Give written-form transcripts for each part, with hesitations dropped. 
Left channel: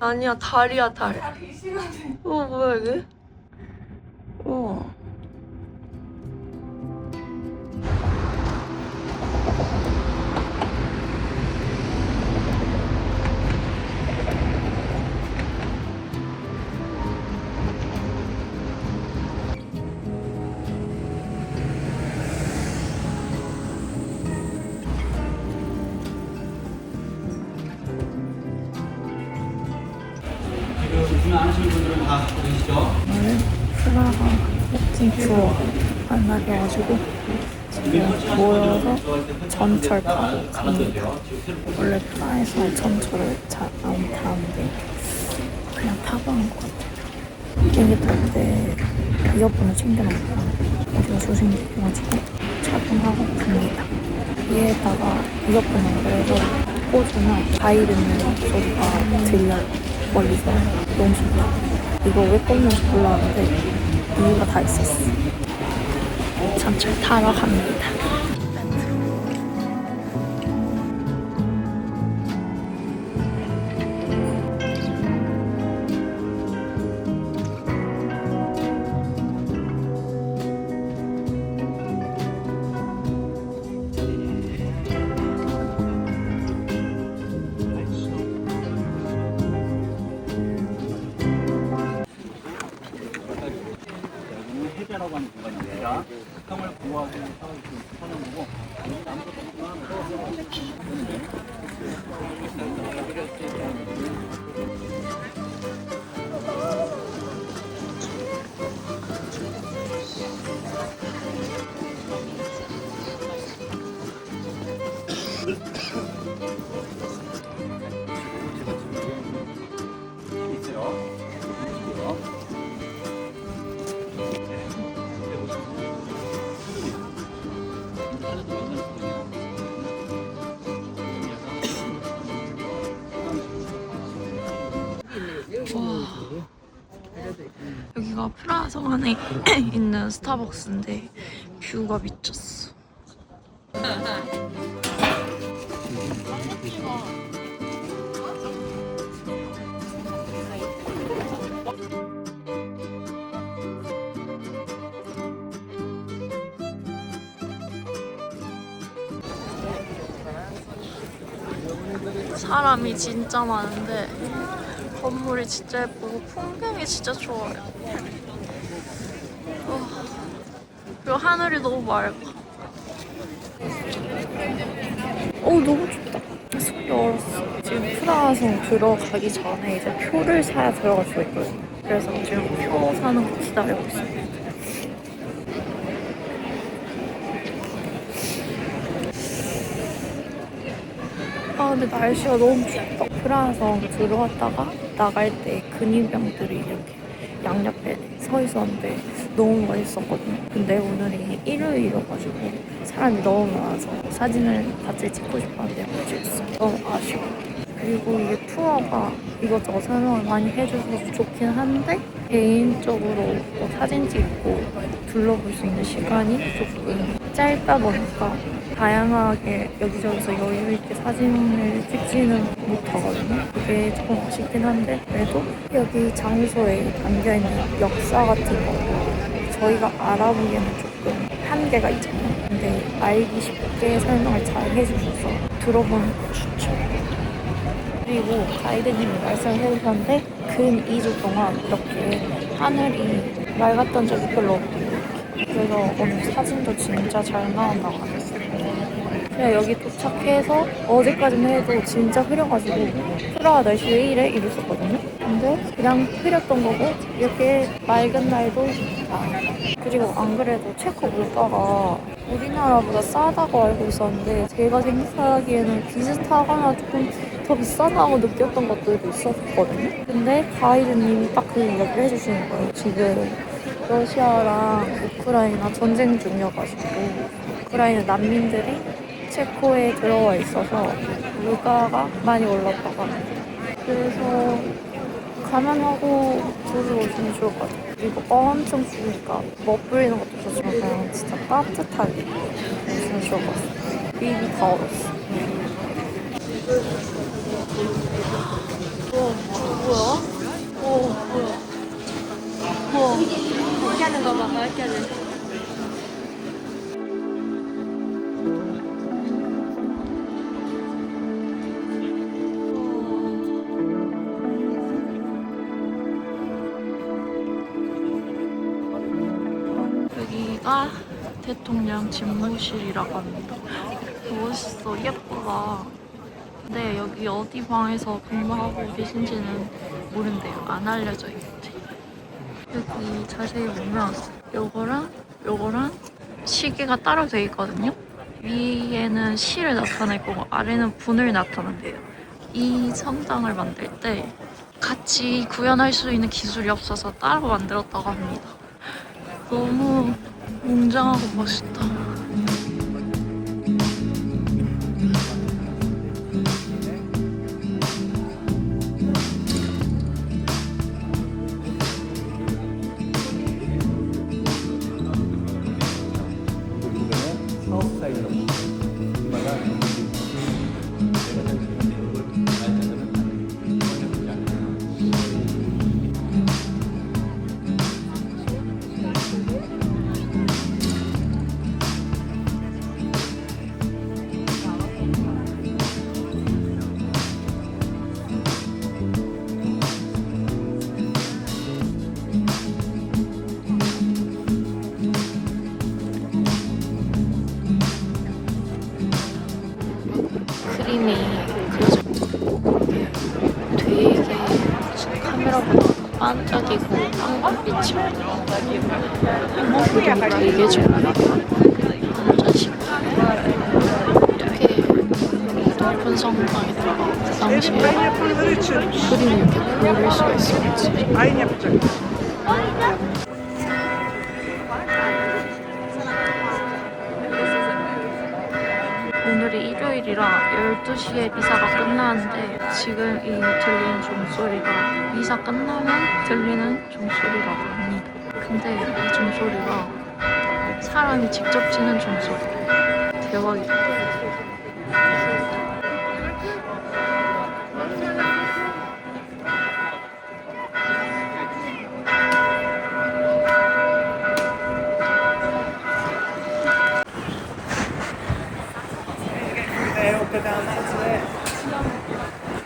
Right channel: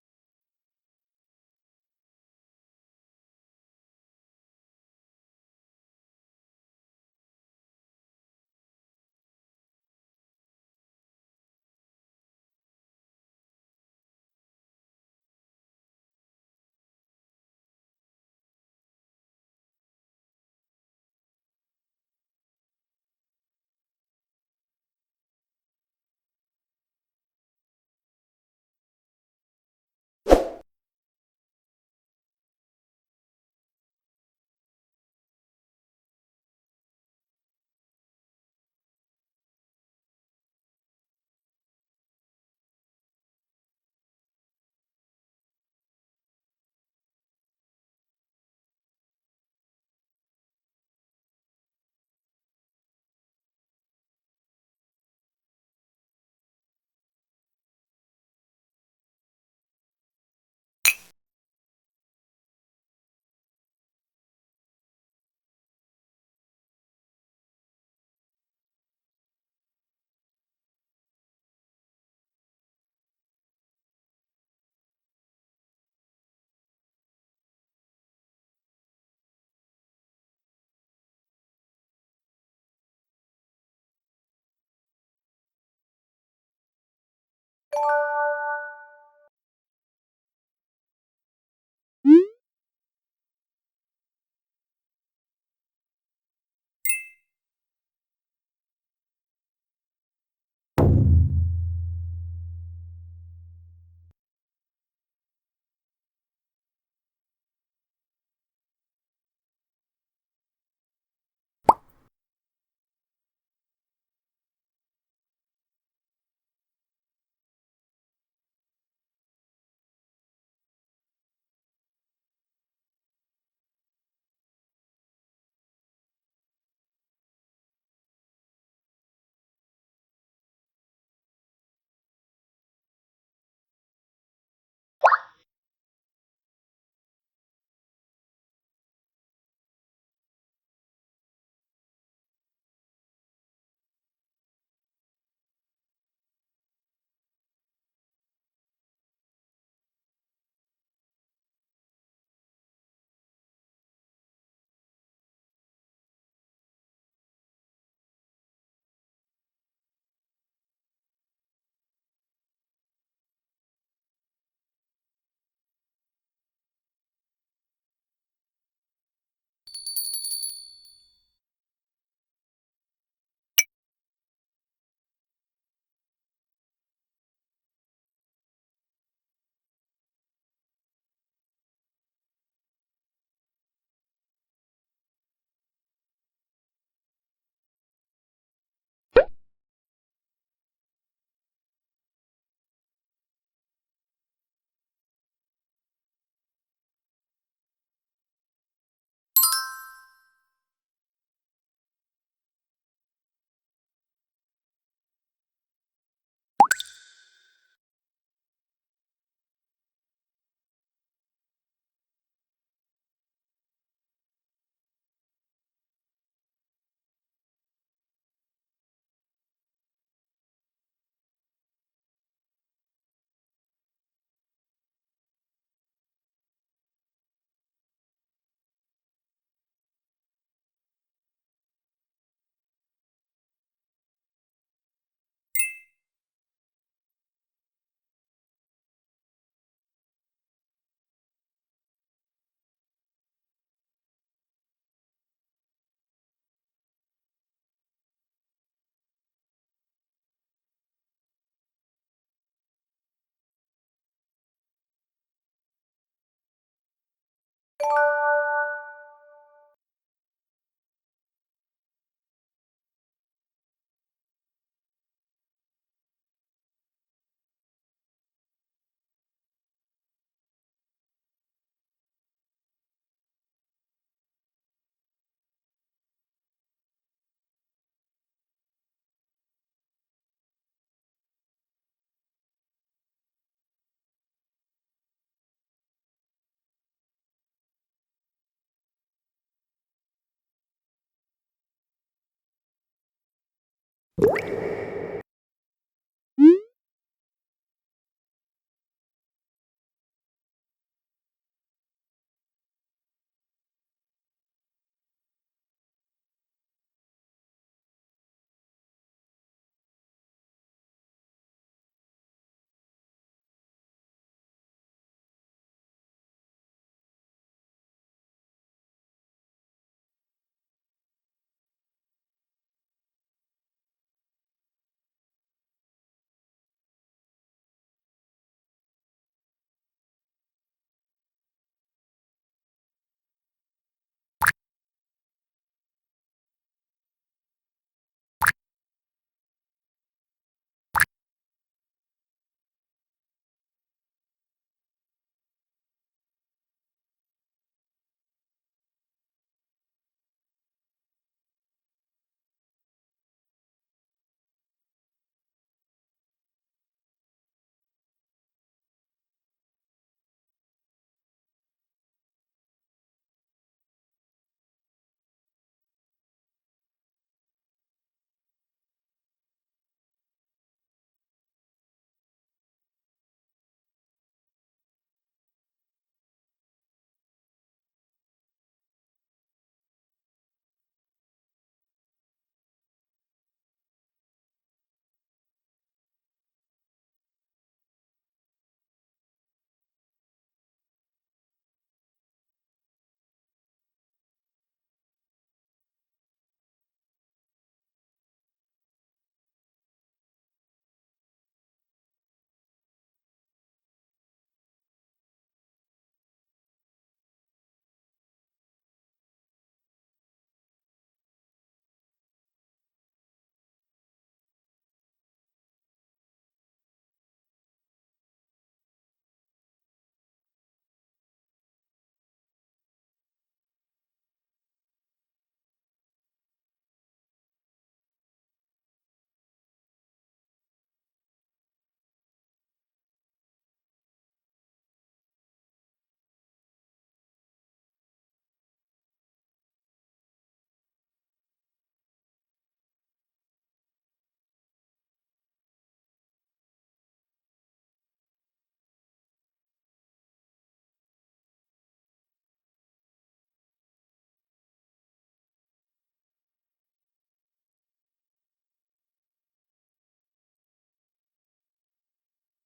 아니야, 달이야, 달. 뭐야, 이게? 우와. 요즘에 안 하시는 분들은 다 보이시죠? 오늘 프라하 워킹 투어 한 날이어가지고 지금 모여서 전철 타고 갑니다. 원래 프라하에서 전철을 잘 안 타는데 그냥 타고 온 것 같아요. 비행기 탈 때 이어폰을 챙겨놓고 어디가 조심해가지고 착용하고 갑니다. 위에다가 이어폰 연결해서 꽂으면 바이 듣는 소리가 들려요. 멀리서 너무 좋다. 이거 왜 꽂는지 몰랐는데 이유가 다 있었어. 전철 타러 갑니다. 해제라고 하는 공간입니다. 형을 보호하기 위해서 하는 거고 여기가 프라하 성 안에 있는 스타벅스인데 뷰가 미쳤어. 사람이 진짜 많은데 건물이 진짜 예쁘고 풍경이 진짜 좋아요. 그리고 하늘이 너무 맑아. 너무 춥다. 속이 얼었어. 지금 프라하성 들어가기 전에 이제 표를 사야 들어갈 수 있거든요. 그래서 지금 표 사는 거 기다리고 있어요. 근데 날씨가 너무 춥다. 프라하성 들어왔다가 나갈 때 근위병들이 이렇게 양옆에 서 있었는데 너무 멋있었거든요. 근데 오늘이 일요일이어가지고 사람이 너무 많아서 사진을 같이 찍고 싶었는데 못 찍었어요. 너무 아쉬워. 그리고 이게 투어가 이것저것 설명을 많이 해줘서 좋긴 한데 개인적으로 뭐 사진 찍고 둘러볼 수 있는 시간이 조금 짧다 보니까 다양하게 여기저기서 여유 있게 사진을 찍지는 못하거든요. 그게 조금 아쉽긴 한데 그래도 여기 장소에 담겨있는 역사 같은 거 저희가 알아보기에는 조금 한계가 있잖아요. 근데 알기 쉽게 설명을 잘 해주셔서 들어보는 거 추천. 그리고 가이드님이 말씀을 해주셨는데 근 2주 동안 이렇게 하늘이 맑았던 적이 별로 없대요. 그래서 오늘 사진도 진짜 잘 나온다고 하셨어요. 그냥 여기 도착해서 어제까지는 해도 진짜 흐려가지고 프라하 날씨 왜 이래? 이랬었거든요. 근데 그냥 흐렸던 거고 이렇게 맑은 날도 좋다. 그리고 안 그래도 체코 물가가 우리나라보다 싸다고 알고 있었는데 제가 생각하기에는 비슷하거나 조금 더 비싸다고 느꼈던 것들도 있었거든요. 근데 가이드님이 딱 그 이야기를 해주시는 거예요. 지금 러시아랑 우크라이나 전쟁 중이어가지고 우크라이나 난민들이 체코에 들어와 있어서 물가가 많이 올랐다고 합니다. 그래서 감안하고 들어오시면 좋을 것 같아요. 그리고 엄청 추우니까 멋부리는 것도 좋지만 그냥 진짜 따뜻하게 오시면 좋을 것 같아요. 되게 더웠어. 우와, 뭐야? 여기가 대통령 집무실이라고 합니다. 멋있어, 예쁘다. 근데 여기 어디 방에서 근무하고 계신지는 모른대요. 안 알려져 있대. 여기 자세히 보면 요거랑 시계가 따로 돼 있거든요. 위에는 시를 나타낼 거고 아래는 분을 나타낸대요. 이 성당을 만들 때 같이 구현할 수 있는 기술이 없어서 따로 만들었다고 합니다. 너무 웅장하고 멋있다. 그림이 그려져 되게 카메라보다 반짝이고 황금빛이 한번보다 되게 좋아요. 완전 시원해. 되게 높은 성당에 들어가고 그 당시에 그림을 이렇게 그릴 수가 있었지. 오늘이 일요일이라 12시에 미사가 끝나는데 지금 이 들리는 종소리가 미사 끝나면 들리는 종소리라고 합니다. 근데 이 종소리가 사람이 직접 치는 종소리래요. 대박이다.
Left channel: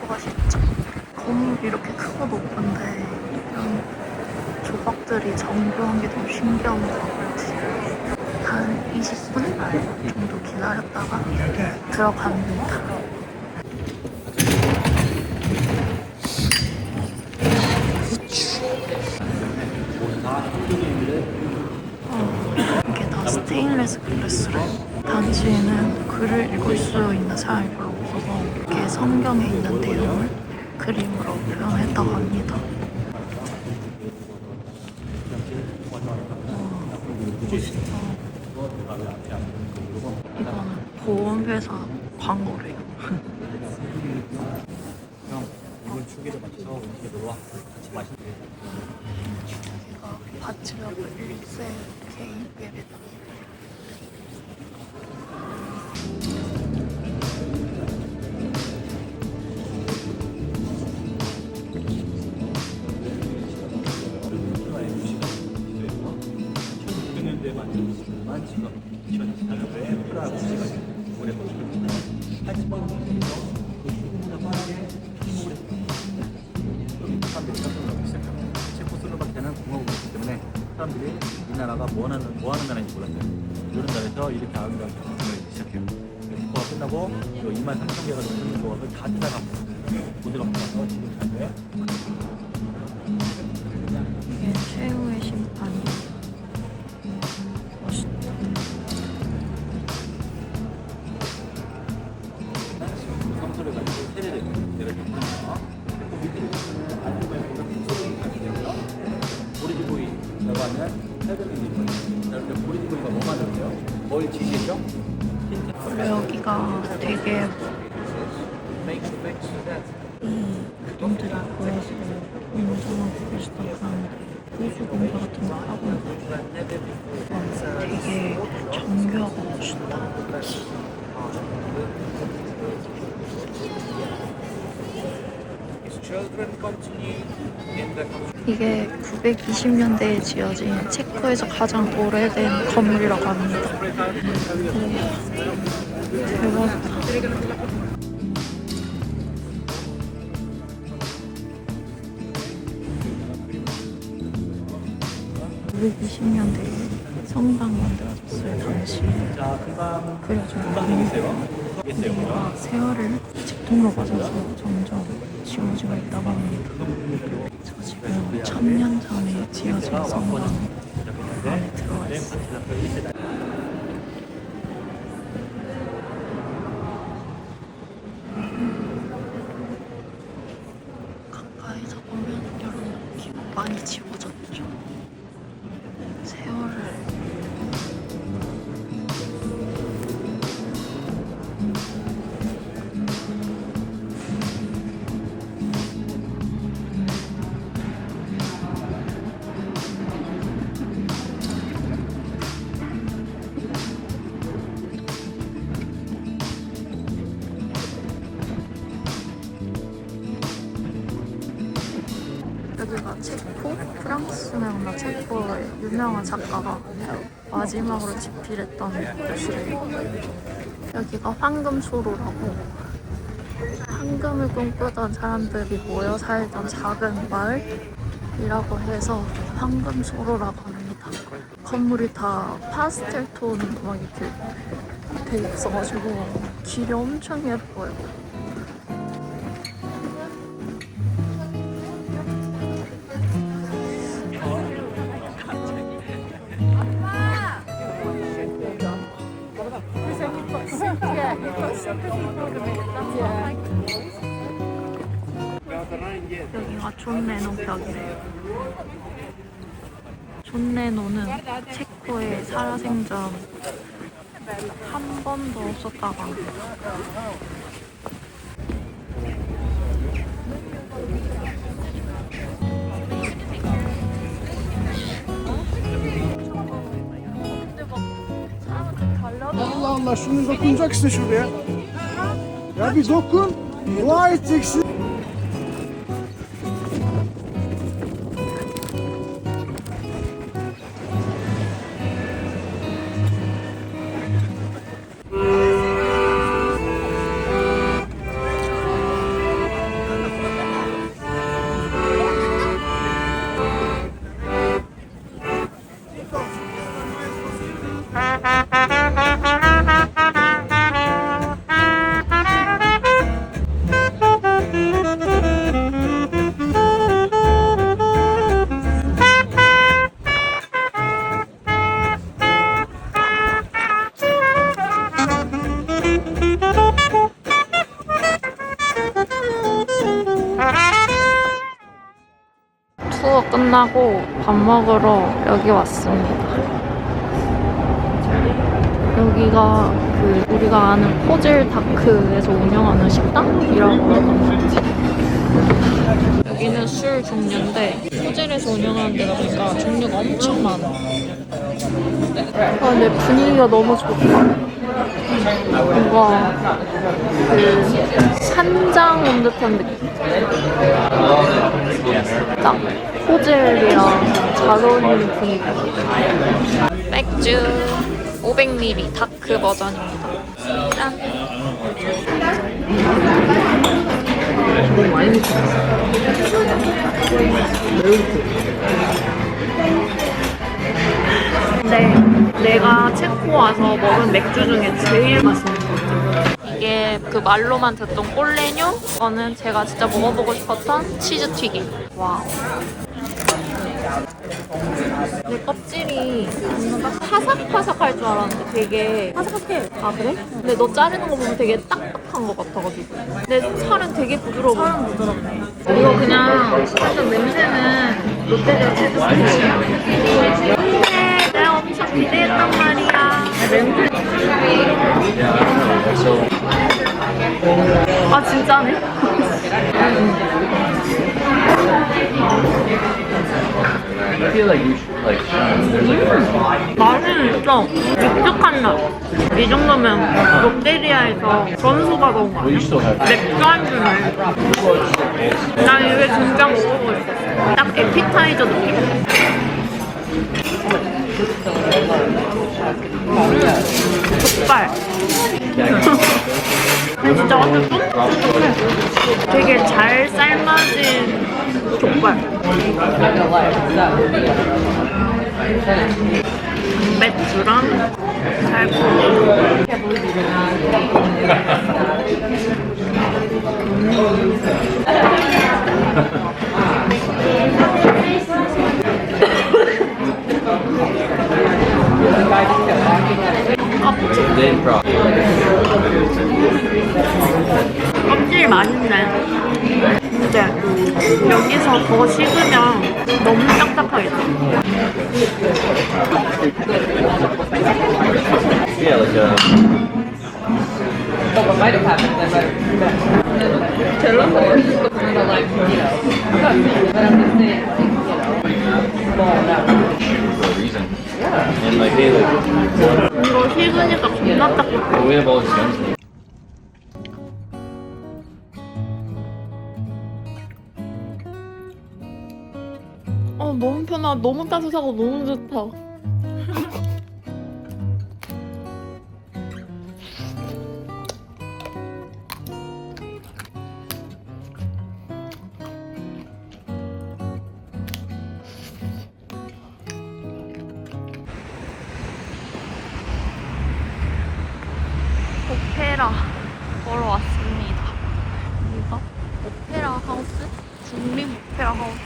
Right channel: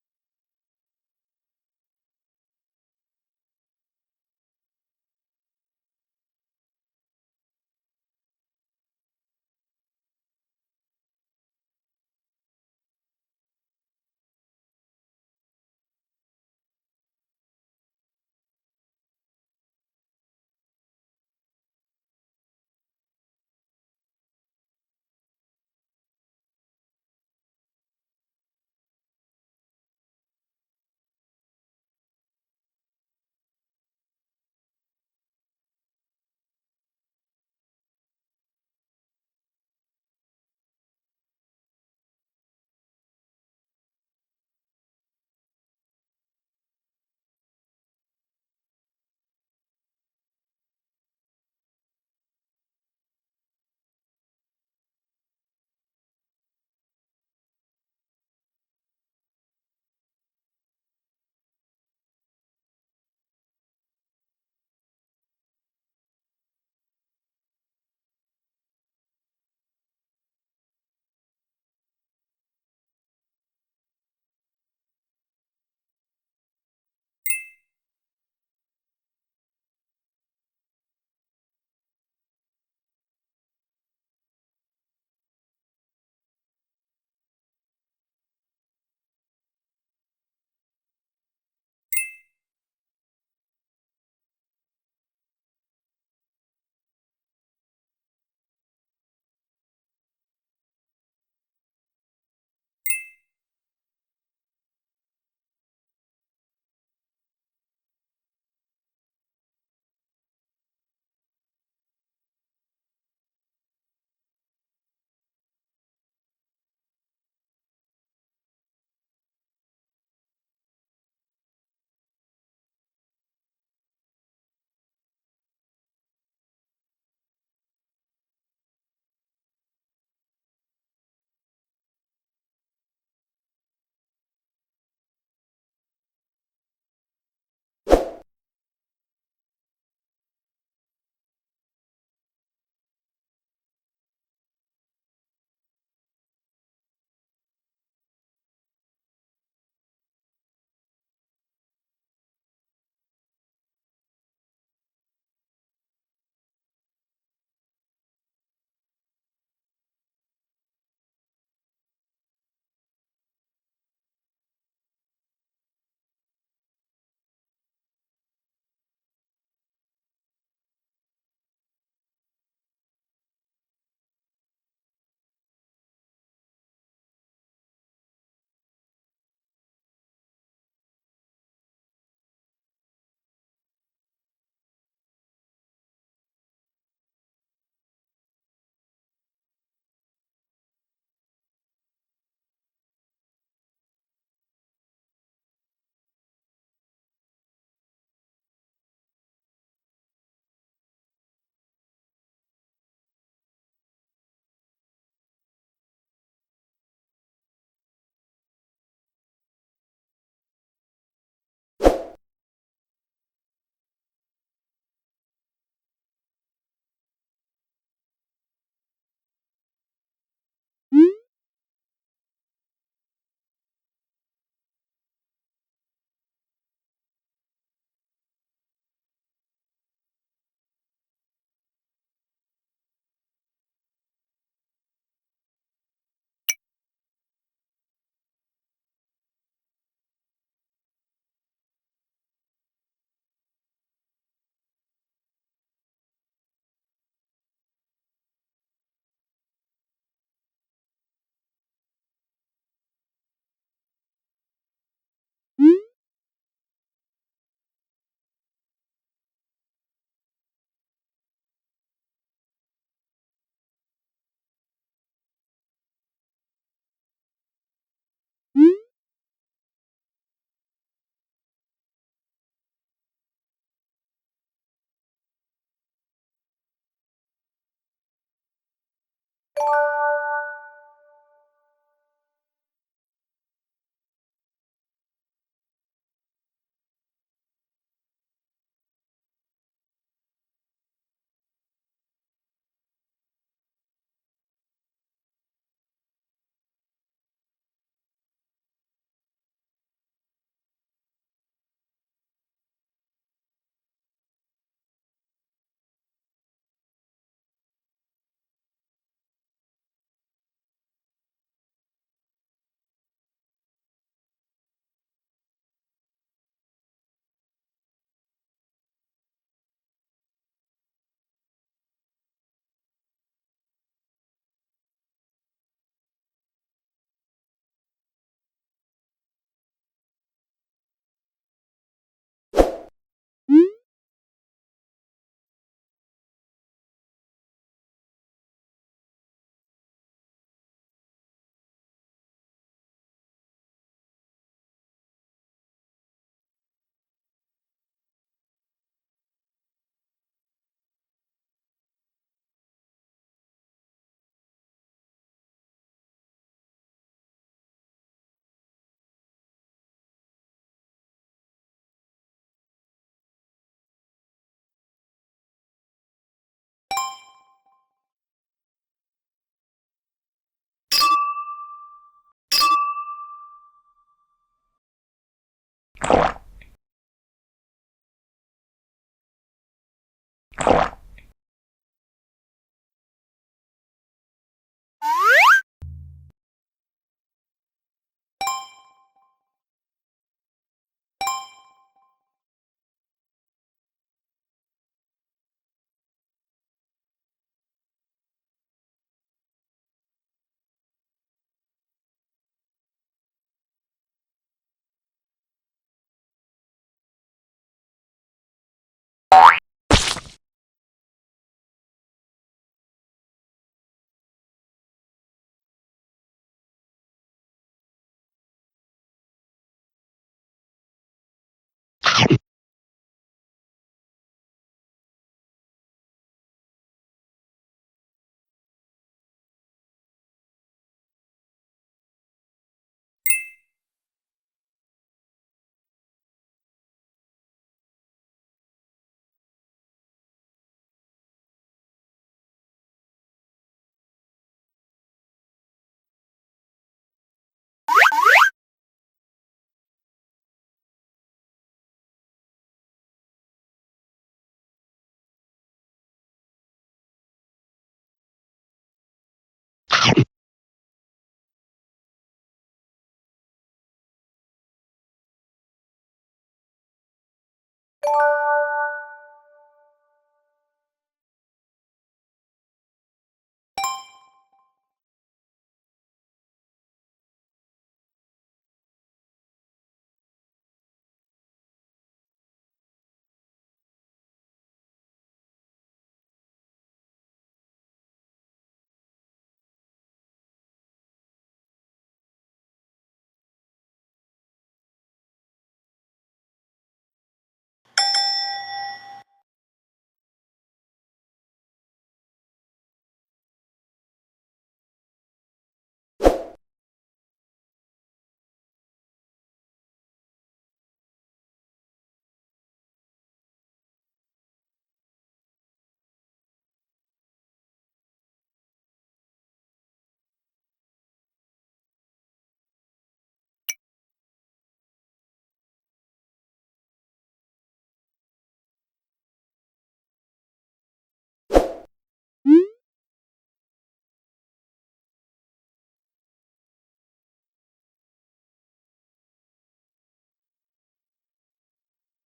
맛있죠? 건물이 이렇게 크고 높은데 이런 조각들이 정교한 게 너무 신기한 것 같아요. 한 20분 정도 기다렸다가 들어갑니다. 이게 다 스테인리스 글라스로 당시에는 글을 읽을 수 있는 사람이 별로 없어서 이렇게 성경에 있는 내용을 그림으로 표현했다고 합니다. 멋있다. 이거는 보험회사 광고래요. 형, 이번 추기를 맞춰서 음식에 놀러와. 같이 마시는 여기가 바치러브 1세 개인 예배당. 지금 2024년도에 프라하고 시간이 올해 모습을 하지만 그 수고보다 빠르게 사람들이 깜짝 놀라고 시작합니다. 체코슬로바키아는 공화국이기 때문에 사람들이 이 나라가 뭐 하는 나라인지 몰랐어요. 이런 나라에서 이렇게 아름다운 경험을 시작해요. 축구가 끝나고 2만 3천 개가 넘는 조각을 다 찾아갑니다. 모두가 모아서 지금 자료에 이게 최후의 심판이 멋있다. 성소를 가지고 세례를 내려줬습니다. 보리지보이라고 하면 해변이 보리지보이가 뭐 만들어요? 뭘 지시죠? 원래 여기가 되게 분들이 모여서 운동하고 계시던 사람들이 호수 공사 같은 거 하고 되게 정교하고 멋있다. 이게 920년대에 지어진 체코에서 가장 오래된 건물이라고 합니다. 대박이다. 920년대에 성당 만들어줬어요. 당시 자, 금방 그려준 있어요. 있어요. 세월을 직통으로 맞아서 점점 지워지고 있다고 합니다. 저 지금 1000년 전에 지어진 성당 안에 들어와 있어요. 가까이서 보면 이런 느낌 많이 지워졌죠. 세월을 여기가 체코? 프랑스나 체코의 유명한 작가가 마지막으로 집필했던 곳이래요. 여기가 황금소로라고 황금을 꿈꾸던 사람들이 모여 살던 작은 마을이라고 해서 황금소로라고 합니다. 건물이 다 파스텔 톤 막 이렇게 돼 있어가지고 길이 엄청 예뻐요. 여기가 존 레노 벽이래요. 존 레노는 체코의 살아생전 한 번도 없었다고 합니다. Allah Allah şunu dokunacaksın şuraya. Ya bir dokun. Dua edeceksin. 투어 끝나고 밥 먹으러 여기 왔습니다. 여기가 그 우리가 아는 포젤 다크에서 운영하는 식당이라고 하던데 여기는 술 종류인데 포젤에서 운영하는 데가 보니까 종류가 엄청 많아. 근데 분위기가 너무 좋다. 뭔가 그 산장 온 듯한 느낌. 딱 포젤이랑 잘 어울리는 분위기. 맥주 500ml 다크 버전입니다. 짠! 너무 많이 먹었어. 근데 내가 체코 와서 먹은 맥주 중에 제일 맛있는 것 같아요. 이게 그 말로만 듣던 꼴레뇨? 이거는 제가 진짜 먹어보고 싶었던 치즈 튀김. 와우. 이 껍질이 파삭파삭할 줄 알았는데 되게 파삭해. 아 그래? 근데 너 자르는 거 보면 되게 딱딱한 것 같아가지고. 근데 살은 되게 부드러워. 살은 부드럽네. 이거 그냥 살짝 냄새는 롯데리아 치즈 스틱이야. 근데 내가 엄청 기대했단 말이야. 냄새. 아 진짜네? I feel like you should like 맛은 있어. 묵직한 맛. 이 정도면 롯데리아에서 전소가 너무 많아. you still have 맥주 안주네. 난 이게 진짜 먹어보고 있었어. 딱 에피타이저 느낌? 족발. 근데 진짜 완전 되게 잘 삶아진 족발. 양배추랑 달콤. Then probably. 껍질 맛있네. 근데 여기서 더 식으면 너무 딱딱하겠다. Yeah, like What might have happened then, but like, you know, but I'm just saying, for a reason. Yeah. And like they like 이거 식으니까 겁나 딱딱해. we have all these guns. 너무 편하고 너무 따뜻하고 너무 좋다. 오페라 보러 왔습니다. 여기가 오페라 하우스? 국립 오페라 하우스?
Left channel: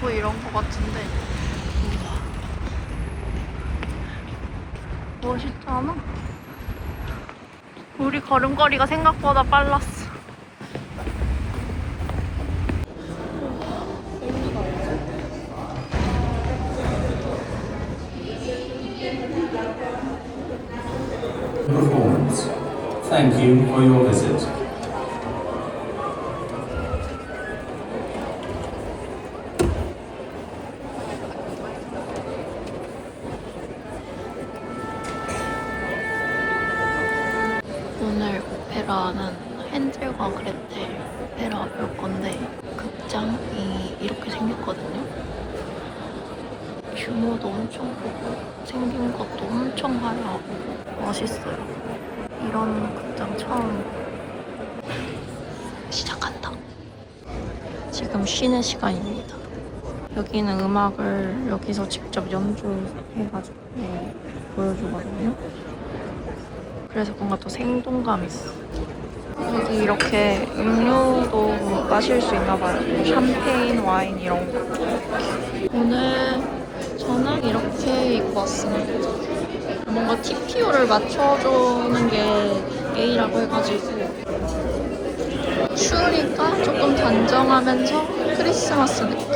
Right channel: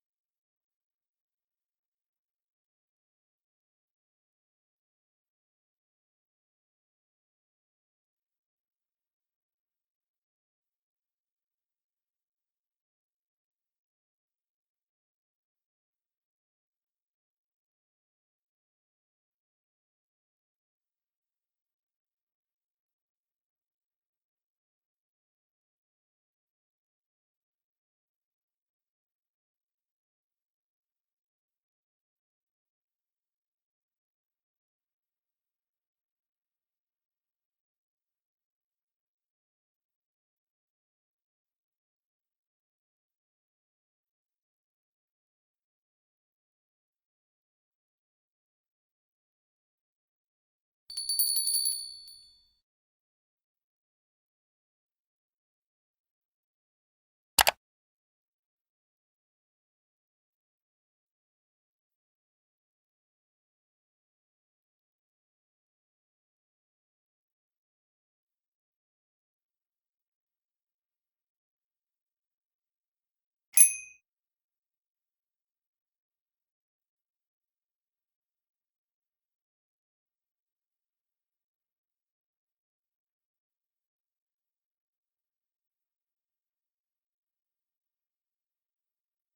뭐 이런 거 같은데. 우와. 멋있잖아. 우리 걸음걸이가 생각보다 빨랐어. Performance. Thank you for your visit. 오늘 오페라는 헨젤과 그레텔 오페라 볼 건데 극장이 이렇게 생겼거든요. 규모도 엄청 크고 생긴 것도 엄청 화려하고 멋있어요. 이런 극장 처음. 시작한다. 지금 쉬는 시간입니다. 여기는 음악을 여기서 직접 연주해가지고 보여주거든요. 그래서 뭔가 또 생동감 있어. 여기 이렇게 음료도 마실 수 있나 봐요. 샴페인, 와인 이런 거. 오늘 저는 이렇게 입고 왔습니다. 뭔가 TPO를 맞춰주는 게 A라고 해가지고 추우니까 조금 단정하면서 크리스마스 느낌.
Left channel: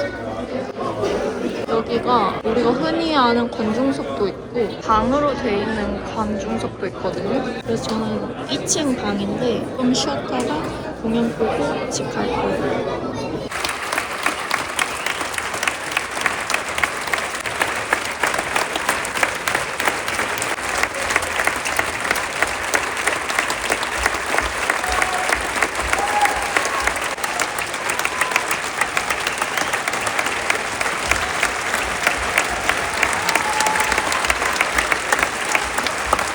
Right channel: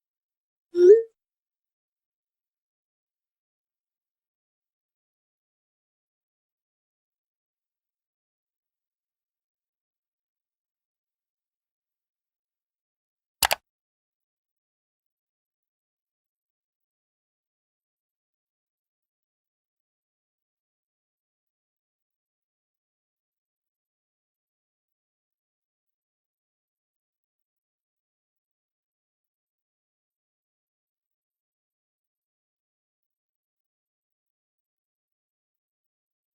여기가 우리가 흔히 아는 관중석도 있고 방으로 돼 있는 관중석도 있거든요. 그래서 저는 2층 방인데 좀 쉬었다가 공연 보고 집 갈 거예요.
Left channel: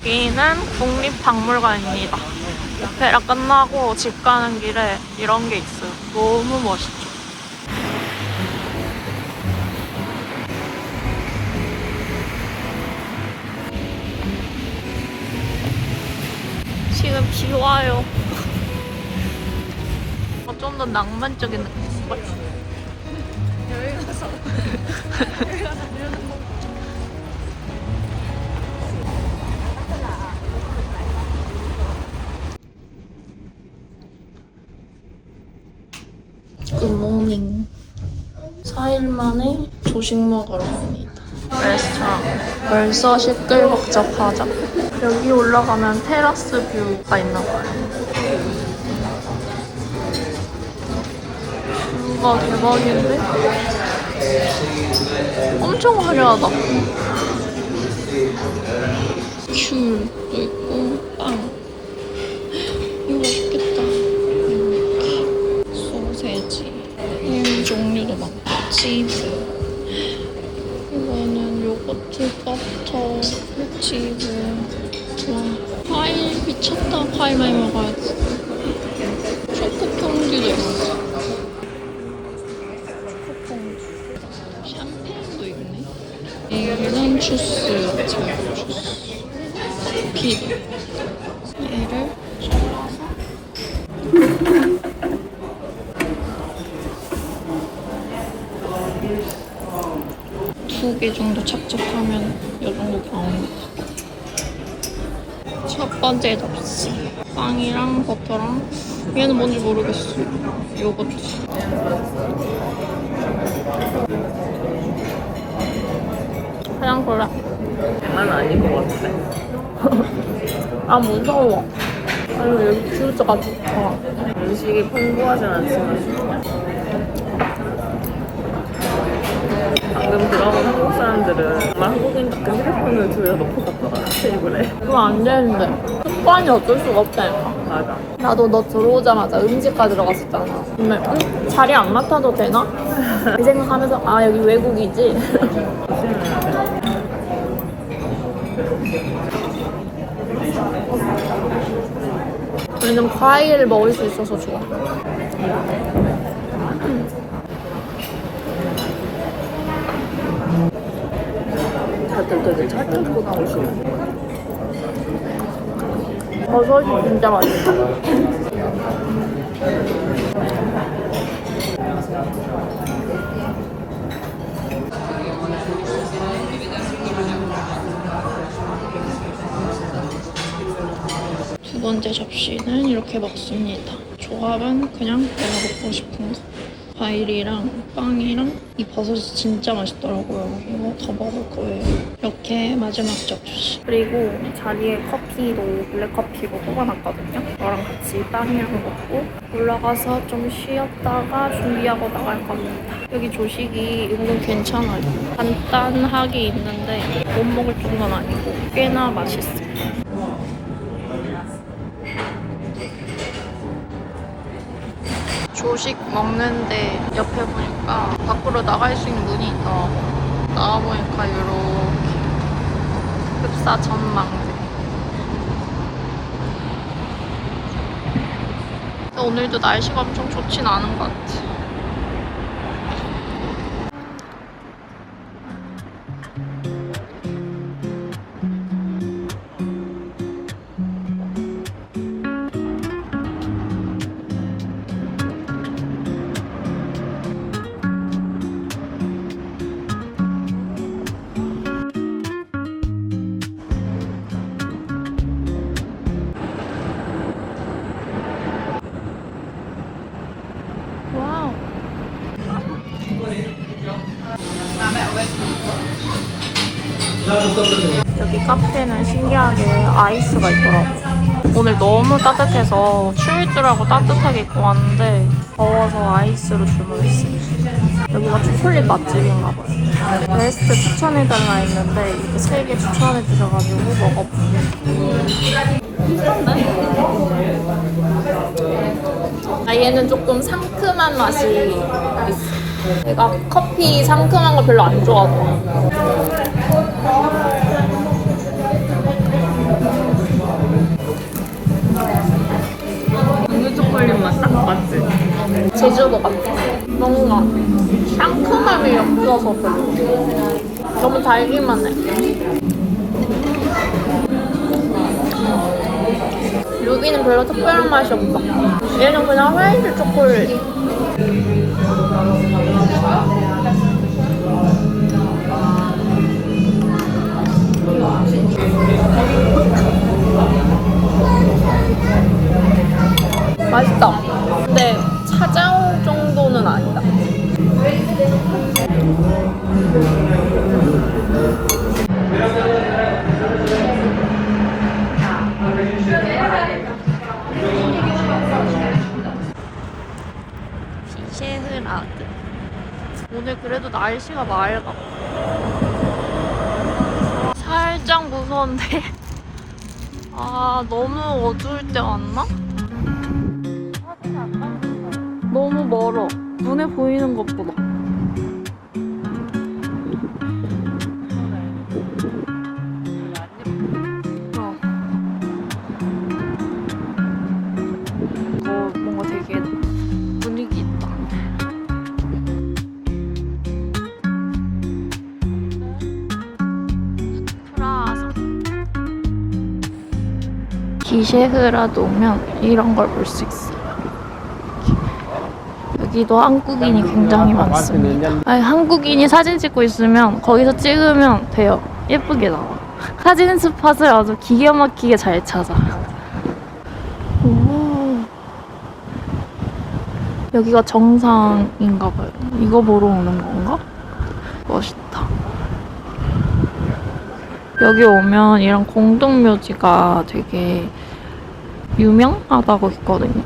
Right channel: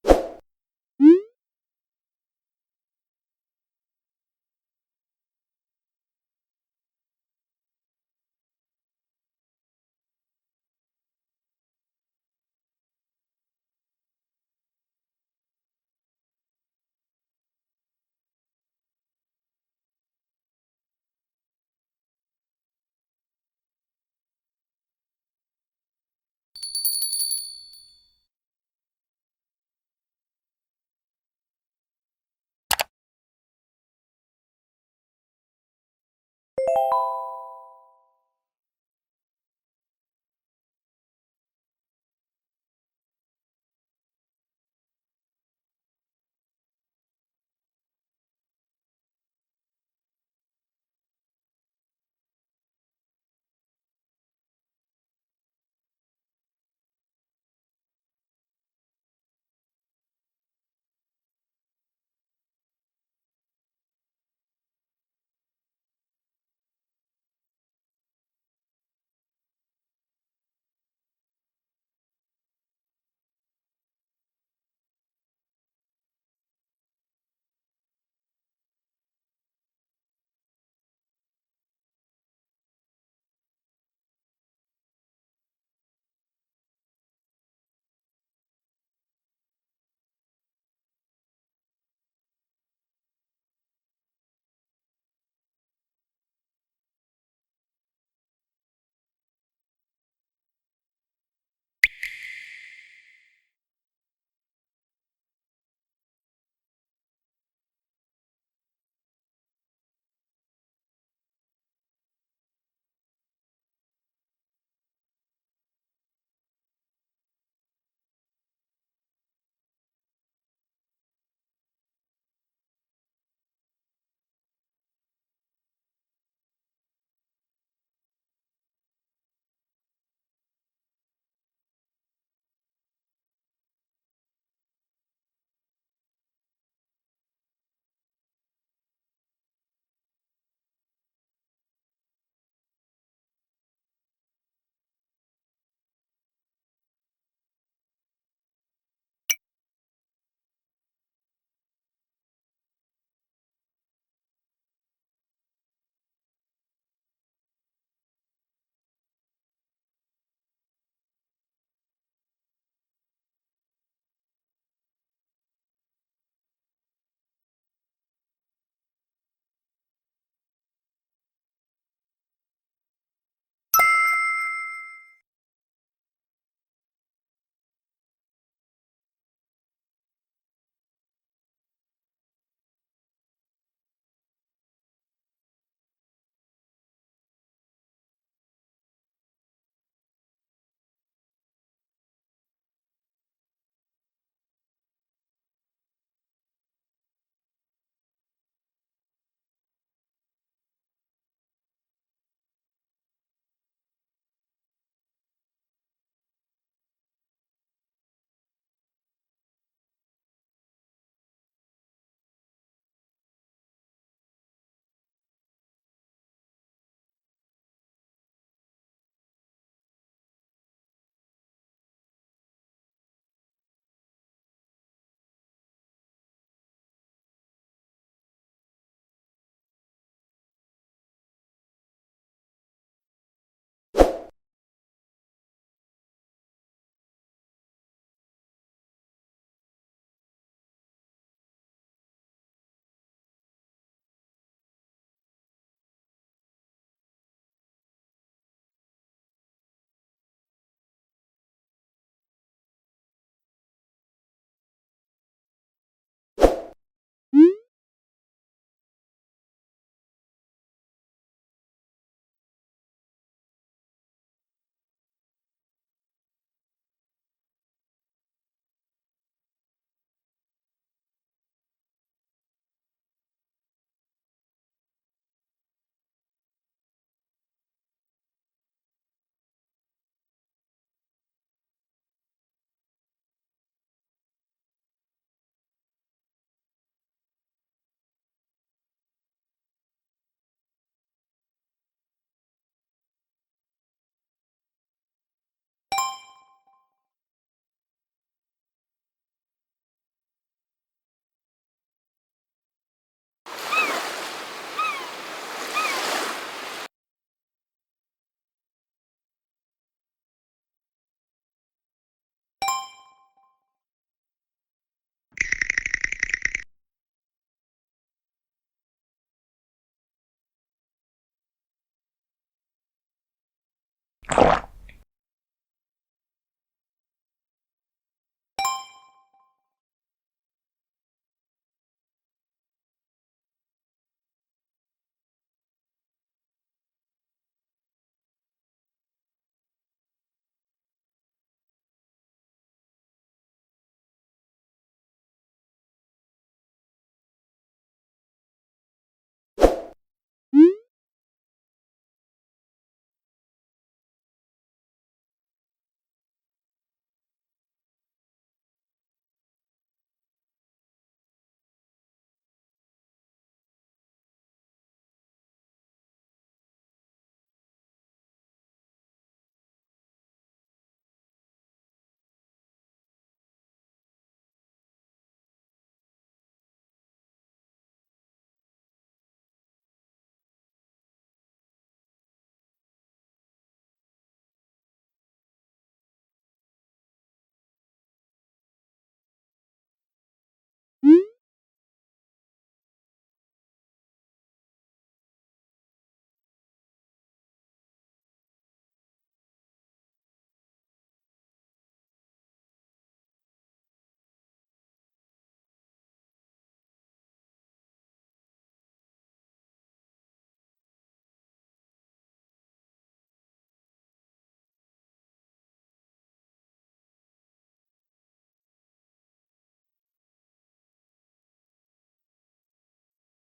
여기는 국립박물관입니다. 오페라 끝나고 집 가는 길에 이런 게 있어요. 너무 멋있죠? 지금 비 와요. 좀 더 낭만적인 느낌. 여기 가서 굿모닝. 4일 만에 조식 먹으러 갑니다. 레스토랑. 벌써 시끌벅적하죠? 여기 올라가면 테라스 뷰가 있나봐요. 뷰가 대박인데? 엄청 화려하다. 귤도 있고 빵. 이거 맛있겠다. 이렇게 소세지, 햄 종류도 많고 치즈. 이거는 요거트, 버터, 치즈. 와, 과일 미쳤다. 과일 많이 먹어야지. 초코 퐁듀도 있어. 초코 퐁듀. 샴페인도 있네. 이거는 주스 챙겨 주스. 키도. 얘를 잘라서. 두 개 정도 착착하면 이 정도 나옵니다. 첫 번째 접시. 빵이랑 버터랑 얘는 뭔지 모르겠어. 요거트. 그냥 골라. 장난 아닌 것 같은데. 아 무서워. 아니 여기 뷰가 좋다. 음식이 풍부하진 않지만 방금 들어온 한국 사람들은 정말 한국인 같은 휴대폰을 들여놓고 갔더라 테이블에. 그거 안 되는데. 습관이 어쩔 수가 없다니까. 맞아. 나도 너 들어오자마자 음식가 들어갔었잖아. 근데 자리 안 맡아도 되나? 이 생각하면서 아 여기 외국이지? 우리는 과일을 먹을 수 있어서 좋아. 다들 되게 찰떡고 나오시네. 버섯이 진짜 맛있어. 두 번째 접시는 이렇게 먹습니다. 조합은 그냥 내가 먹고 싶은 거. 과일이랑 빵이랑 이 버섯이 진짜 맛있더라고요. 이거 더 먹을 거예요. 이렇게 마지막 접시. 그리고 자리에 커피도 블랙커피로 뽑아놨거든요. 저랑 같이 빵이랑 먹고 올라가서 좀 쉬었다가 준비하고 나갈 겁니다. 여기 조식이 은근 괜찮아요. 간단하게 있는데 못 먹을 정도는 아니고 꽤나 맛있어요. 조식 먹는데 옆에 보니까 밖으로 나갈 수 있는 문이 있더라고. 나와보니까 이렇게 흡사 전망대. 근데 오늘도 날씨가 엄청 좋진 않은 것 같아. 와우. 여기 카페는 신기하게 아이스가 있더라고. 오늘 너무 따뜻해서 추울 줄 알고 따뜻하게 입고 왔는데 더워서 아이스로 주문했어요. 여기가 초콜릿 맛집인가 봐요. 베스트 추천해달라 했는데 이렇게 3개 추천해 주셔가지고 먹어볼게요. 아, 얘는 조금 상큼한 맛이 있어. 내가 커피 상큼한 거 별로 안 좋아하거든. 초콜릿 맛 딱 맞지? 제주도 같아. 뭔가 상큼함이 없어서 별로. 너무 달기만 해. 여기는 별로 특별한 맛이 없어. 얘는 그냥 화이트 초콜릿. 맛있다. 근데 찾아올 정도는 아니다. 비셰흐라드. 오늘 그래도 날씨가 맑아. 살짝 무서운데 아 너무 어두울 때 왔나? 너무 멀어. 눈에 보이는 것보다. 이거 뭔가 되게 분위기 있다. 기셰흐라도 오면 이런 걸 볼 수 있어요. 여기도 한국인이 굉장히 많습니다. 아니, 한국인이 사진 찍고 있으면 거기서 찍으면 돼요. 예쁘게 나와. 사진 스팟을 아주 기가 막히게 잘 찾아. 오. 여기가 정상인가 봐요. 이거 보러 오는 건가? 멋있다. 여기 오면 이런 공동묘지가 되게 유명하다고 했거든요.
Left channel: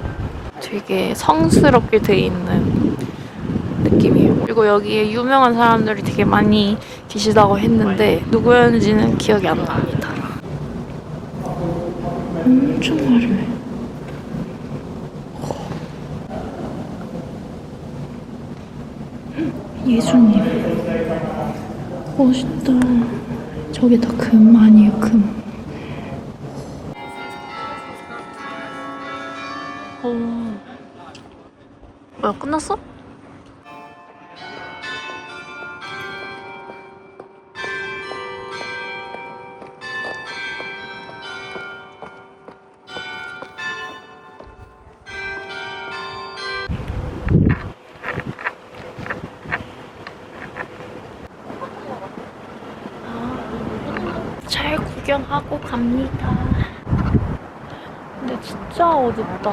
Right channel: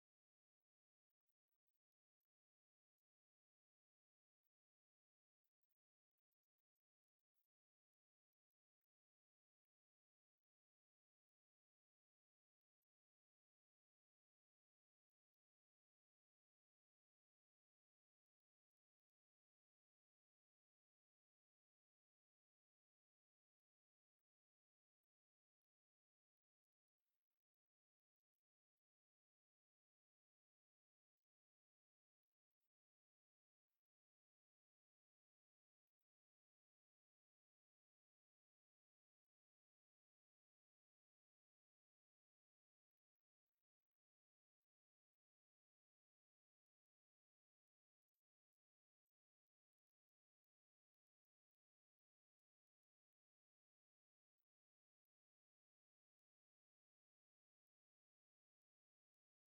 되게 성스럽게 돼 있는 느낌이에요. 그리고 여기에 유명한 사람들이 되게 많이 계시다고 했는데 누구였는지는 기억이 안 납니다. 엄청 화려해. 예수님. 멋있다. 저게 다 금 아니에요, 금. 뭐야, 끝났어? 잘 구경하고 갑니다. 근데 진짜 어둡다.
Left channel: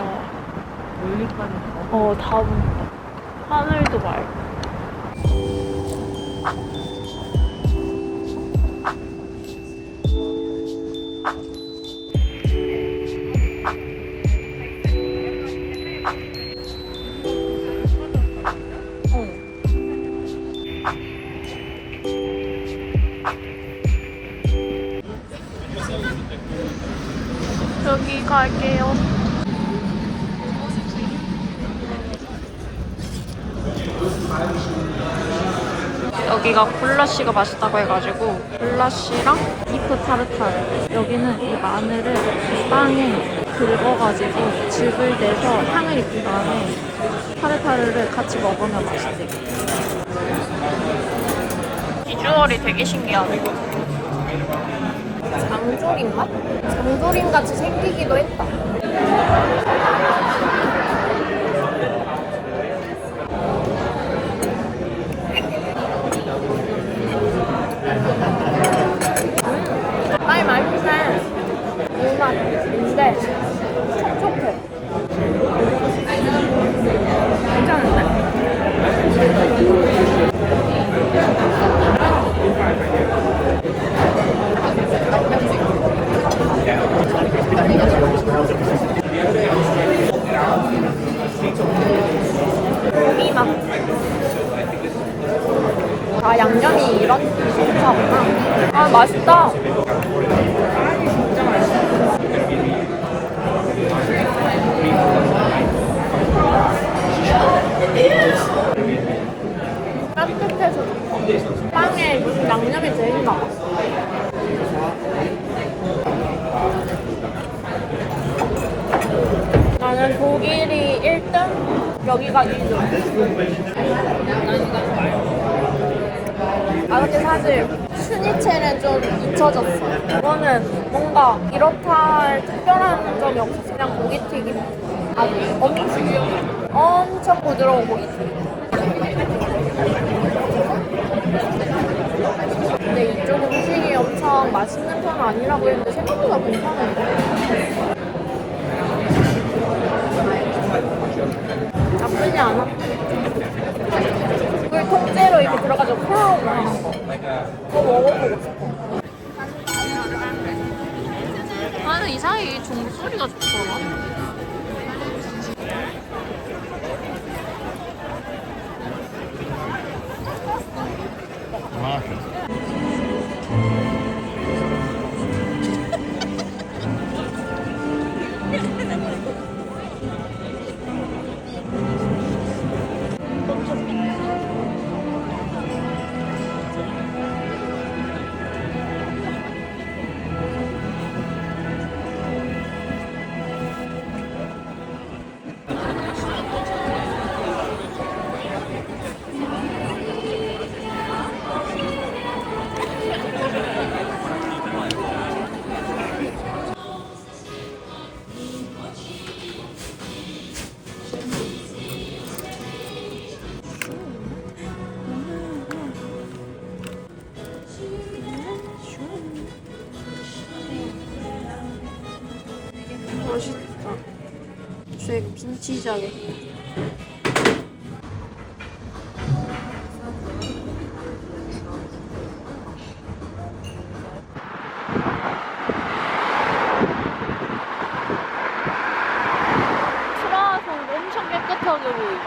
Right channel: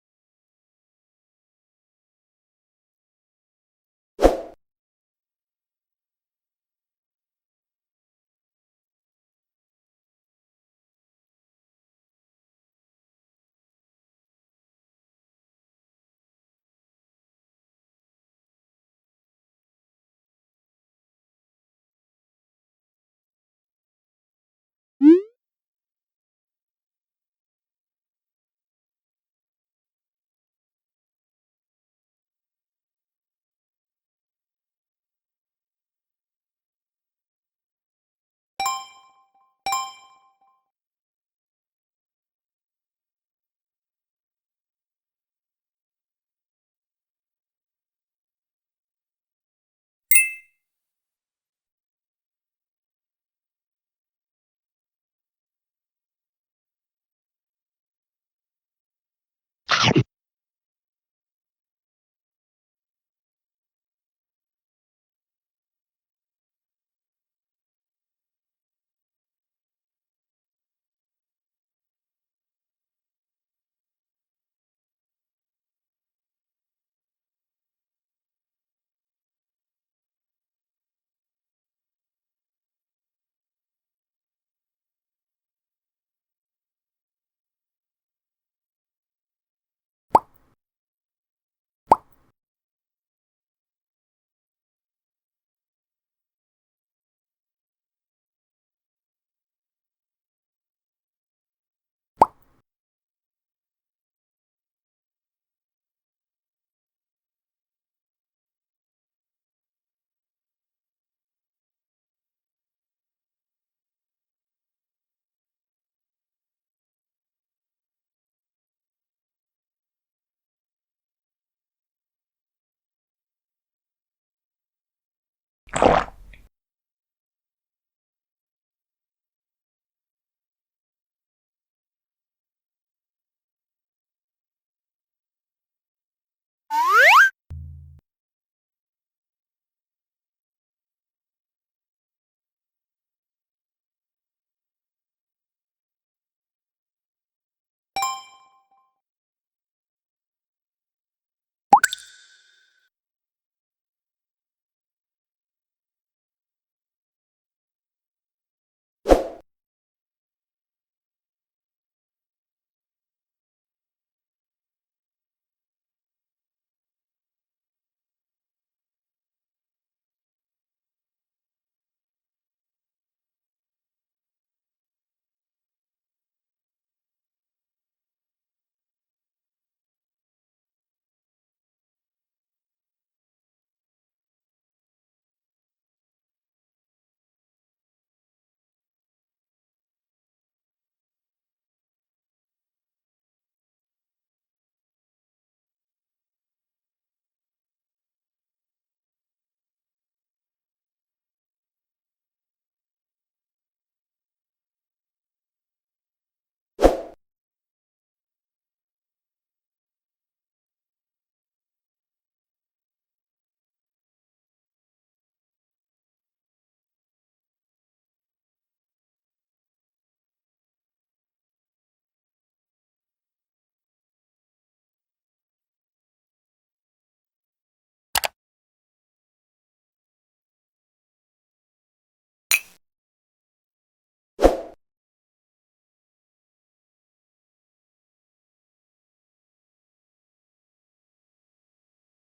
다 보인다. 하늘도 맑고. 여기 갈게요. 여기가 굴라시가 맛있다고 해가지고 굴라시랑 비프 타르타르. 여기는 이 마늘을 빵에 긁어가지고 즙을 내서 향을 입힌 다음에 타르타르를 같이 먹으면 맛있대요. 비주얼이 되게 신기하네. 장조림 맛? 장조림 같이 생기기도 했다. 아니 맛있네. 물맛인데 촉촉해. 괜찮은데? 고기 맛. 아, 양념이 이런 소스구나. 아, 맛있다. 따뜻해서 좋다. 빵에 양념이 제일 나아. 나는 독일이 1등, 여기가 2등. 아, 근데 사실 슈니첼은 좀 잊혀졌어. 이거는 뭔가 이렇다 할 특별한 점이 없어. 그냥 고기튀김. 아, 엄청 부드러운 고기튀김. 근데 이쪽 음식이 엄청 맛있는 편은 아니라고 했는데 생각보다 괜찮은데? 나쁘지 않아. 물 통째로 이렇게 들어가지고 콜라로 하는 거. 그거 먹어보고 싶어. 나는 이상하게 종소리가 좋더라. 초록색 빈티지하게. 크라상도 엄청 깨끗하게 보이고.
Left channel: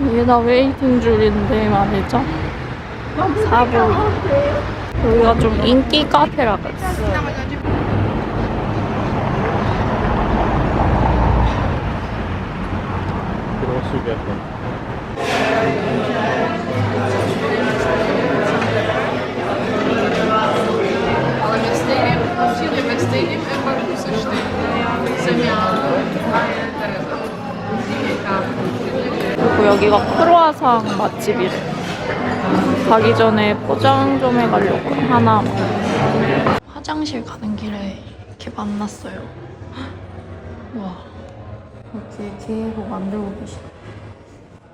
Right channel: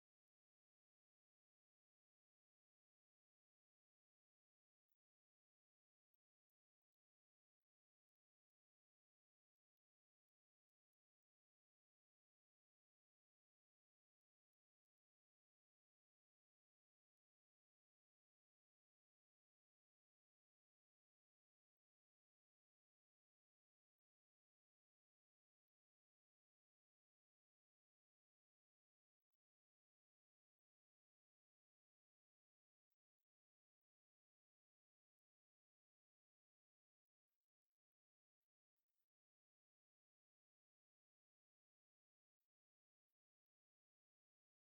이게 다 웨이팅 줄인데 말이죠. 사보이. 여기가 좀 인기 카페라 그랬어요. 그리고 여기가 크로아상 맛집이래. 가기 전에 포장 좀 해가려고 하나. 화장실 가는 길에 이렇게 만났어요. 와, 이렇게 계속 만들고 계시다.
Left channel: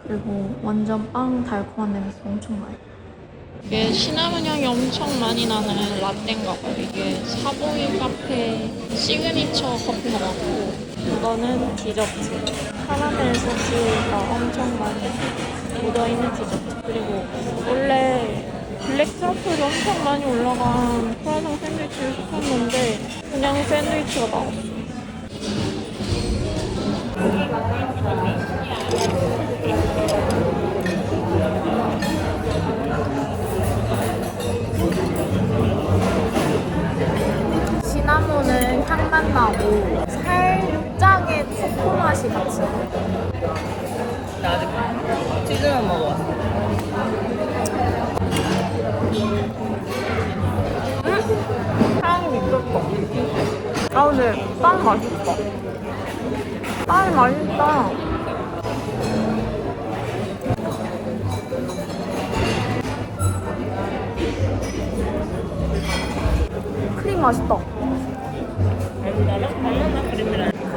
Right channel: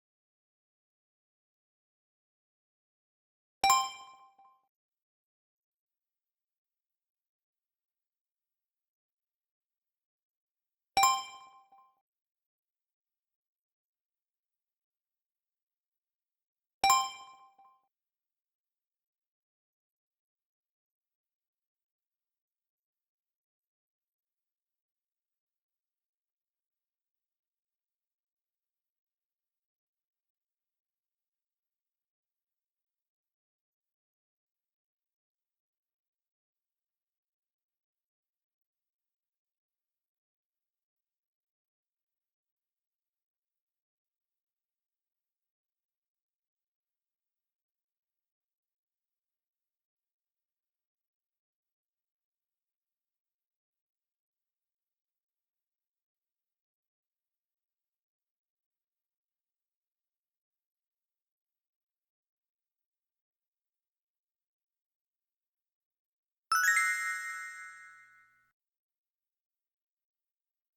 그리고 완전 빵 달콤한 냄새 엄청 나요. 이게 시나몬 향이 엄청 많이 나는 라떼인가 봐요. 이게 사보이 카페 시그니처 커피 같고, 이거는 디저트. 카라멜 소스가 엄청 많이 묻어있는 디저트. 그리고 원래 블랙 트러플이 엄청 많이 올라간 크루아상 샌드위치를 시켰는데 그냥 샌드위치가 나왔어요. 시나몬은 향만 나고 살짝의 초코 맛이 같이 나요. 치즈만 먹어. 향이 미쳤어. 아 근데 빵 맛있어. 빵이 맛있다. 크림 맛있다.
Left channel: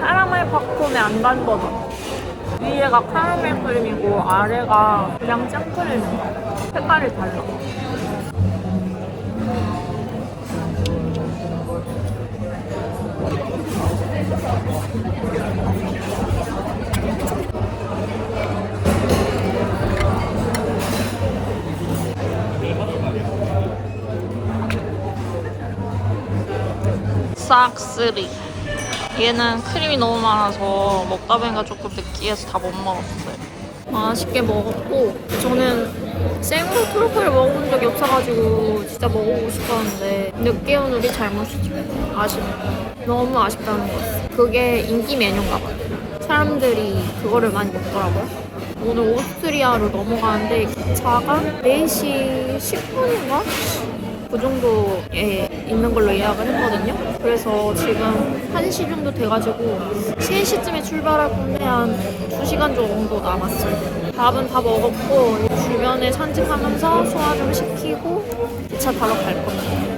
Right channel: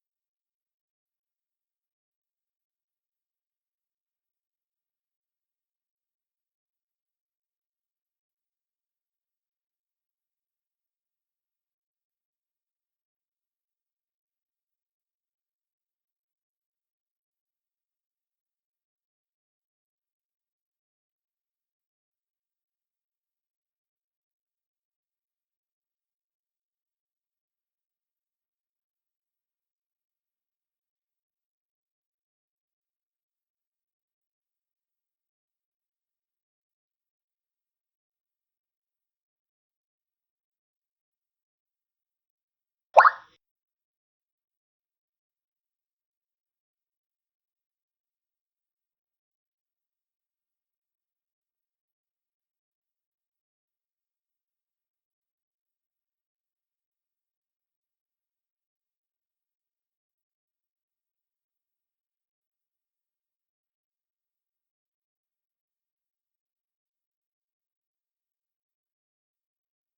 카라멜 팝콘의 안 단 버전. 위에가 카라멜 크림이고 아래가 그냥 생크림이야. 색깔이 달라. 싹쓸이. 얘는 크림이 너무 많아서 먹다 보니까 조금 느끼해서 다 못 먹었어요. 맛있게 먹었고, 저는 생으로 트러플을 먹어본 적이 없어가지고 진짜 먹어보고 싶었는데 늦게 온 우리 잘못이죠. 아쉽네. 너무 아쉽다는 거였어. 그게 인기 메뉴인가 봐요. 사람들이 그거를 많이 먹더라고요. 오늘 오스트리아로 넘어가는데 기차가 4시 10분인가? 그 정도에 있는 걸로 예약을 했거든요. 그래서 지금 1시 정도 돼가지고 3시쯤에 출발할 건데 한 2시간 정도 남았어요. 밥은 다 먹었고 주변에 산책하면서 소화 좀 시키고 기차 타러 갈 겁니다.